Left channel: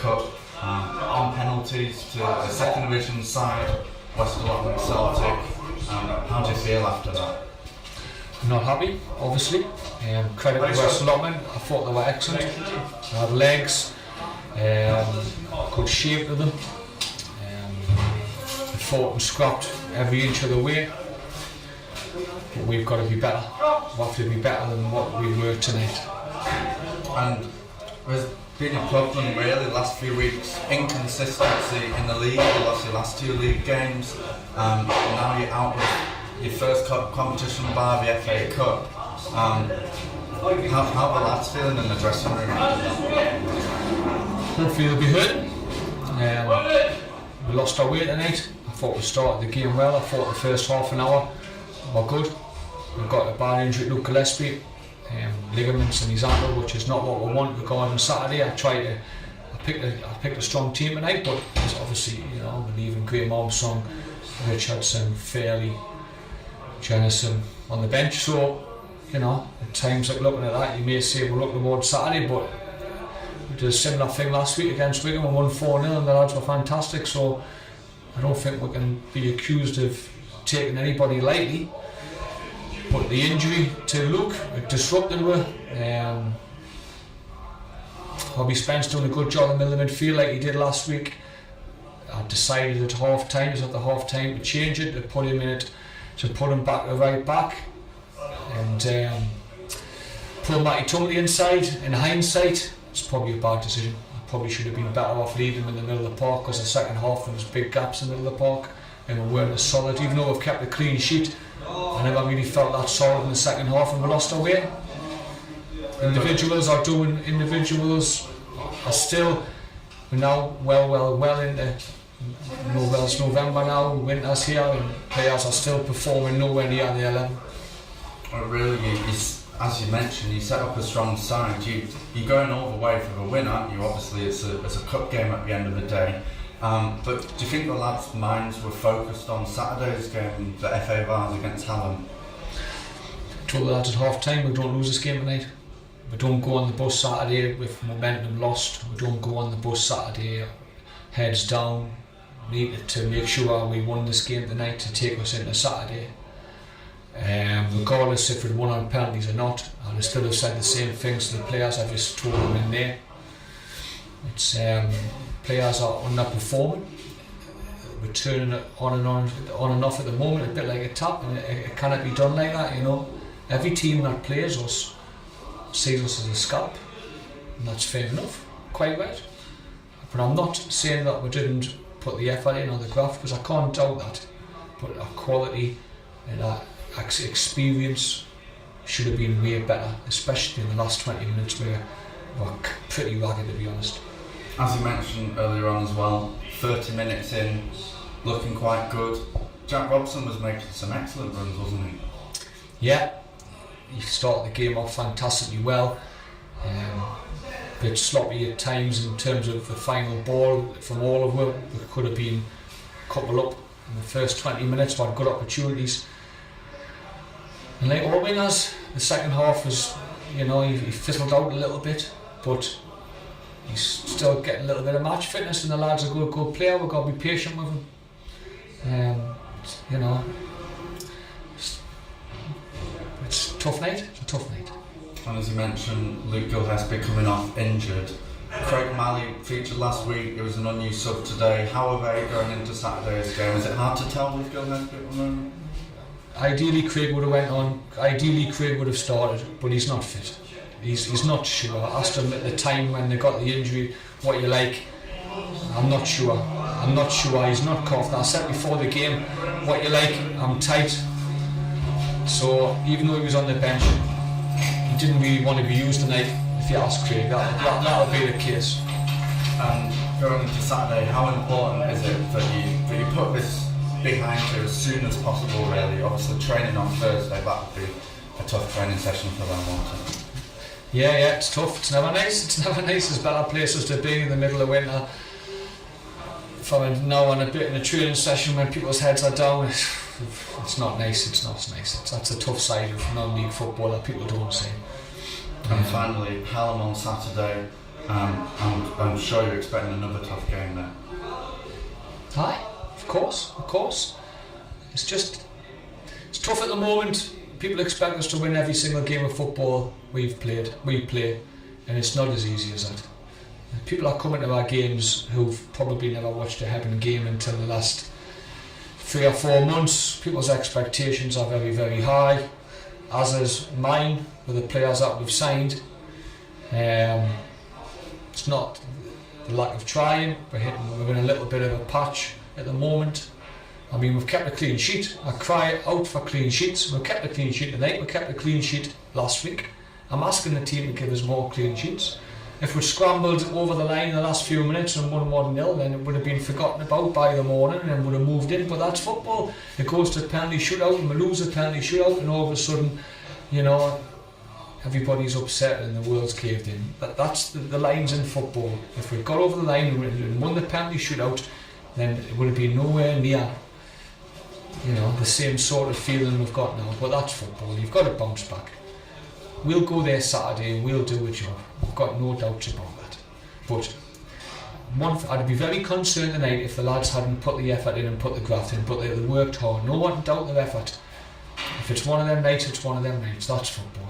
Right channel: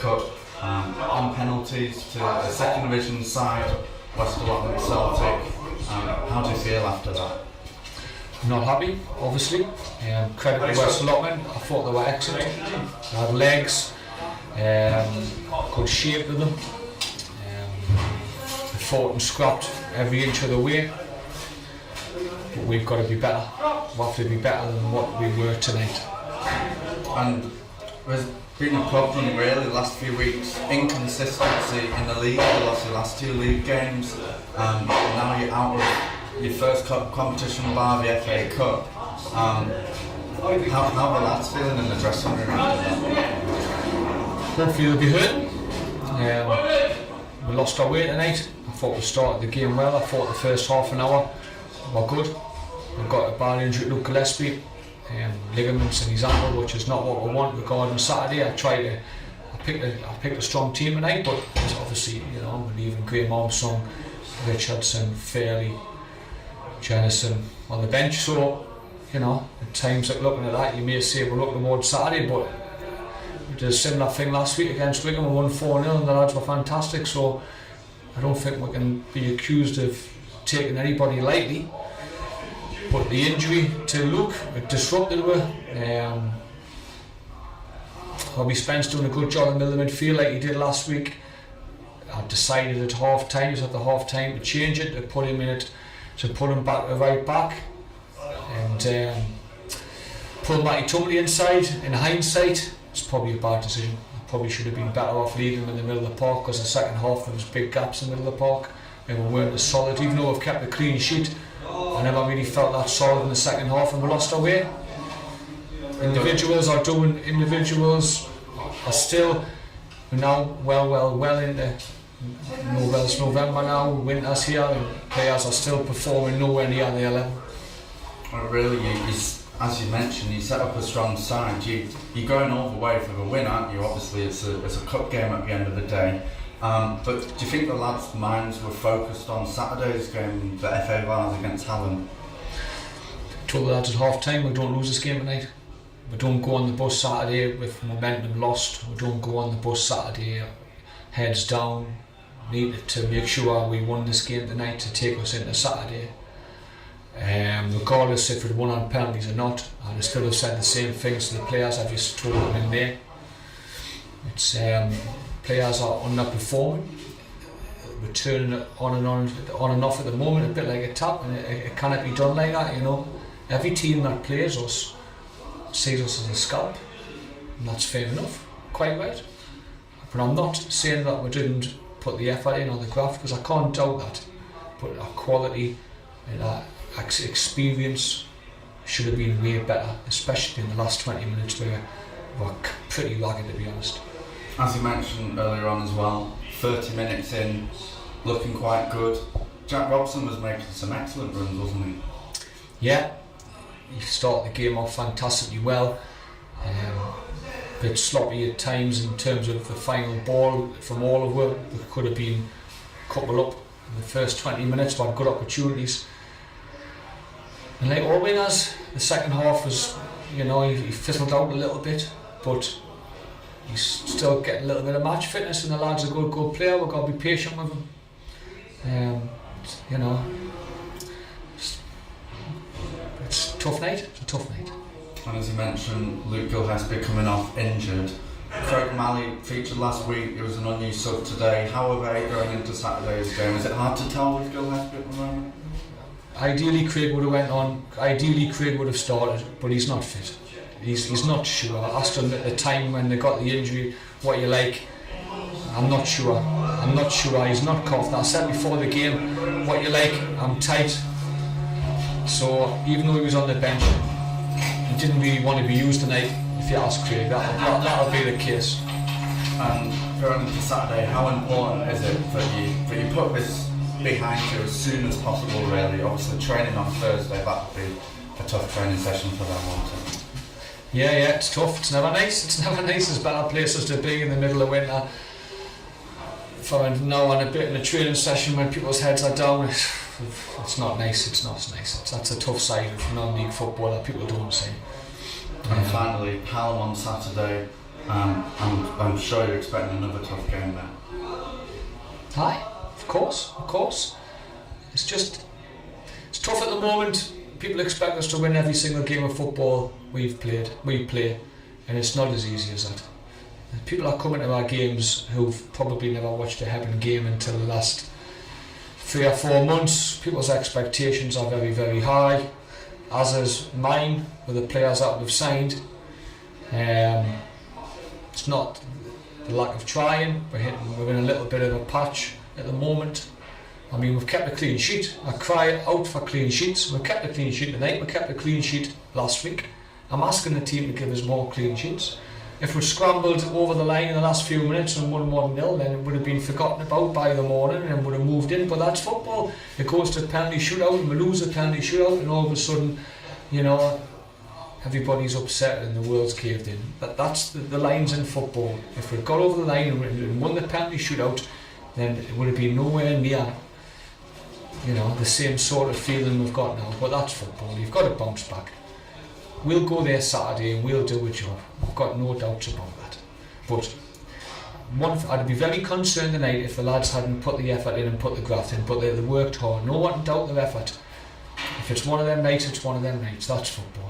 Cup on penalties to the second division side, West Allotment Celtic. How do you feel after that? Not happy, obviously. Credit to West Allotment. I thought they were excellent. They had legs, good shape to them. They fought and scrapped every inch of the way. But we've got to be better. We have to be better than what we were tonight. And there's been a problem really the last few weeks, inconsistency in the league. You lost your last 2 league games. Now you're out of your first cup competition via the FA Cup. How the lads feeling in the dressing room? Hopefully they'll be hurting. We lost our way tonight. I thought we started the game well. I thought the first half an hour were good. We've got a bad injury to Luke Gillespie, ligaments in his ankle, which is not what we want regarding Saturday. I picked a strong team tonight, but obviously, I'm leaving Graham Armstrong, Richardson, Fairley, Jennison on the bench. So, at times like looking at that, you may say we're looking towards Saturday, but we did a similar thing last week against Wigan. We won 4-0 and the lads were fantastic. So I don't think we can be accused of taking anybody lightly. But the injury to Luke, it disrupted her. Robbie Spence doing a good job in the middle of midfield like he did last week. I decided at half time, he's at the half time to change it, to put him in it, to pull him back to right back. And pull Matty Tumley inside. In hindsight, it's probably a bad decision. I probably should have been better off leaving him in the middle of the park, because the second half there was big gaps in the middle of the park and we weren't as solid. Even though we've kept a clean sheet, I never really felt that solid in the second half, and we lost our way. Individuals are still now well into November now, winter's here, and players are still performing nowhere near their level. Really, as you mentioned, you set up a strong side. You're going all the way for the win, aren't you? Obviously, it's a cup game at the end of the day. But do you think the lads' minds were focused on Saturday's game, the FA Vars against Hallam? I told the lads at half time, we don't lose this game tonight. We don't go on the bus Saturday with momentum lost. We don't go on the bus Saturday heads down. We need to make sure we won this game tonight to take us into Saturday. Regardless if it won on penalties or not, I still have said the same things to the players. I've just told them in there. It's players are underperforming. We're turning it on and off at the moment, a bit like a tap, and it cannot be done like that. Every team that plays us sees us as a scalp, and that's fair enough, quite right. But I'm not saying that we didn't put the effort in on the graft, because I can't doubt that. But our quality and our experience should have been way better, especially in the last 20 minutes where we're pretty ragged, to be honest. As you mentioned earlier on as well, 30 minutes in, looking quite good. Jack Robson was making some excellent runs, wasn't he? Yeah, he started the game off fantastically well. A bit sloppy at times in terms of the final ball from all of them. There could have been a couple up in the first 20 minutes, we had good opportunities. And like all wingers, the second half was, he fizzled out a little bit, but he's still getting a little bit of match fitness, and the lad's a good player. We've got to be patient with him. It's a tough night. It's a tough night. And as you mentioned, Luke Gillespie coming off injured. Craig Malley featured last week. It was an unused sub today. How are they going into Saturday's game? Is it hard to tell with Gillespie at the moment? Ideally, Craig would have went on. Ideally, Craig would have started, but he's not fit. He's not sure. I asked him at the time when they got the injury, what you like. I'm not sure. He's not confident. I said before the game, what you like, I'm tight. So even though he was on the bench, he didn't really want to be used tonight. If you ask Craig, that'll be the case. And going into Saturday, how important is it that you put this behind you as soon as possible, really? Obviously training on Thursday, that would be a tough training session for them also. Yeah, it's tough. It's never nice. There's better places to be in the middle of winter. From now on a bit in a training session when people's heads are down, it's not nice. It's not nice. That's a tough side of non-league football that people don't see. And finally, Hallam on Saturday, and I'm sure you're expecting another tough game there. Aye, of course. It's tough at the moment. People expect us to win every single game of football we play, and it's not as easy as that. People are coming to our games who've probably never watched a Hebburn game until the last 3 or 4 months. People's expectations are very, very high, as is mine with the players that we've signed. It's not the lack of trying. We're in a little bit of a patch at the moment. I mean, we've kept a clean sheet. I cry out for clean sheets. We've kept a clean sheet tonight. We kept a clean sheet last week. I'm asking the team to give us more clean sheets. If we'd scrambled over the line in the last few minutes and won 1-0, then it would have been forgotten about by the morning and would have moved in. But that's football. It goes to a penalty shootout and we lose a penalty shootout, and all of a sudden, you know, everybody's upset and the world's caved in. That's the lines in football. If we'd got over the line and won the penalty shootout, then it would have been nowhere near, you know, the same sort of feeling we've got now. But that's football. You've got to bounce back. We'll go there Saturday and we'll do a job. I've got no doubts about that. But I'd be very concerned tonight if the lads hadn't put the effort in and put the graft in, but they worked hard. No one can doubt their effort. If it's one of them nights, it's one of them nights. That's football.